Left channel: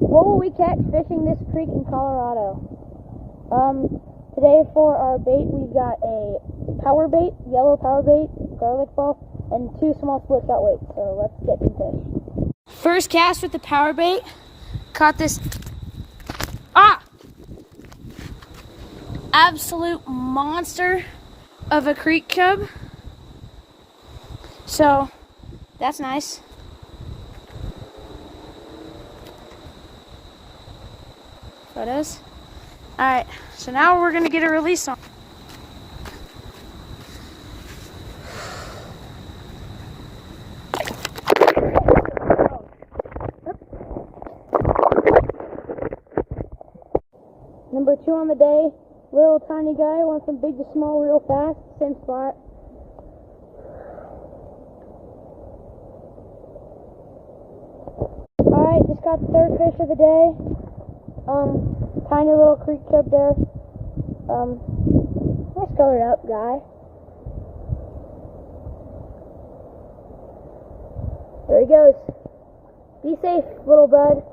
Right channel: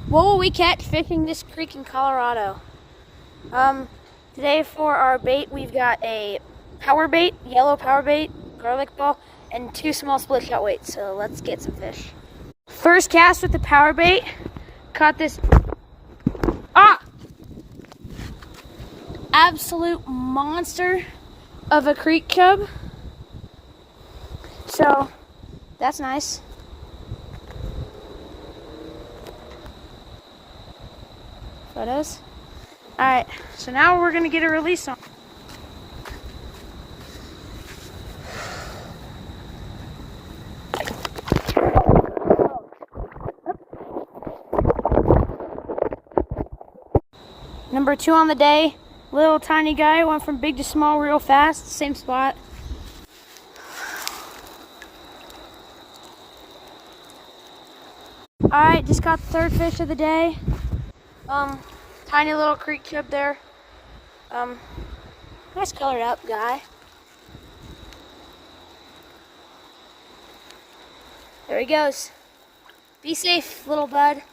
What will we catch fishing this creek in Colorado? Today for our bait, we've got a power bait, yellow power bait, garlic ball, and 2 small split shot weights. So let's get some fish. First cast with the power bait, caught this absolute monster of a creek chub. So that's nice. Photos. Alright, so now we're gonna get a release on. Number 2 on the day, little tiny guy, went from big to small real fast, same spot. Alright, just caught the 3rd fish of the day. Tiny little creek chub there. Nice colored up guy. There he goes. Be safe, little bud.